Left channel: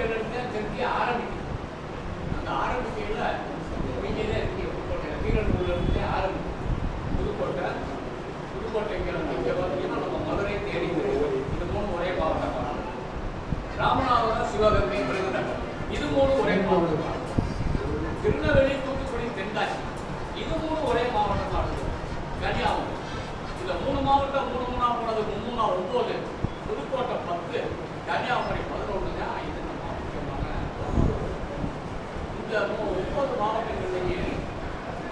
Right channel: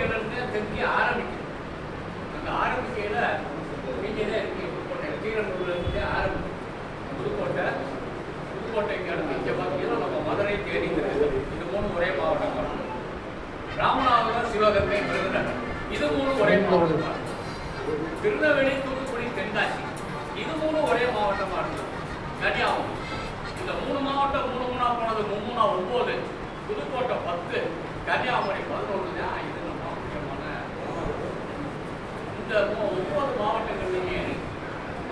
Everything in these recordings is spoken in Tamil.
புதுக்கோட்டையிலிருந்து தெற்கே ஆரம்பிக்கும். அந்த ஆரம்பிக்கையில் இங்கே தான் இருக்கு. புதுக்கோட்டை கீழூர்லேருந்தே ஆரம்பிக்கும். புதுக்கோட்டைக்கு அடுத்து இங்கே பார்த்தீங்கன்னா நம்ம மதுரை தேனி திருநெல்வேலி இது 3 ஒரே மாவட்டம் தான். ராமநாதபுரம் சிவகங்கை விருதுநகர் இது 3 ஒரே மாவட்டம் தான். திருநெல்வேலி தூத்துக்குடி தென்காசி இது 3 ஒரே மாவட்டமாக இருந்தது. கன்னியாகுமரி இந்த 3 மாவட்டம் 3 போனது 9, புதுக்கோட்டை 10, கன்னியாகுமரி 11 தான். இது நம்ம முக்கியமான இந்த 9 மாவட்டங்கள்லேயே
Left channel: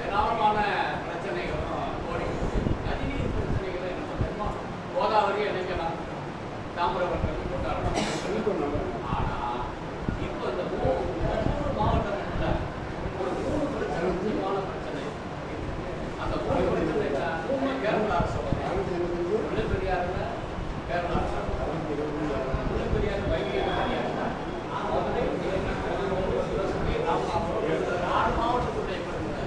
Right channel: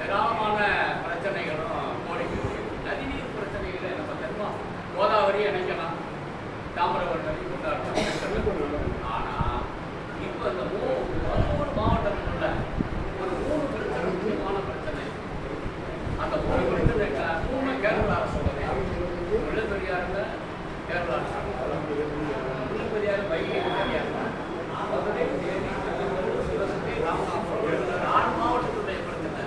ஏராளமான பிரச்சனைகளும் கோரிக்கை. நதிநீர் பிரச்சனைகளை நம்ம தென்மா கோதாவரி இணைக்கலாம், தாமிரபரணி கொண்டாடலாம். ஆனால் இப்போ இந்த 13 மாவட்டங்களில் ஒரு 3 பிரச்சனை முக்கியமான பிரச்சனை. அந்த 3 பிரச்சனை 3 கேரள அரசு முல்லைப்பெரியாறுல கேரள அரசு, முல்லைப்பெரியாறு வைகை பெரியாறு, மதுரை தேனி திருநெல்வேலி சிவகங்கை ராமநாதபுரம் 4 மாவட்டத்துடைய பிரச்சனை.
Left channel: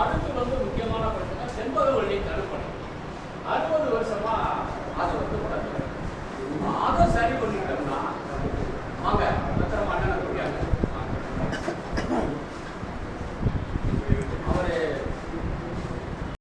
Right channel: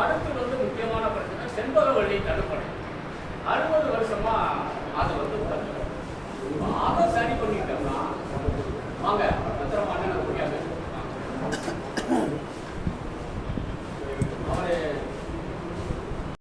அடுத்து முக்கியமான பிரச்சனை செண்பகவல்லி தடுப்பணை. 60 வருஷமா அது பிரச்சனை. அதை சரி பண்ணிட்டோம்னா வாங்க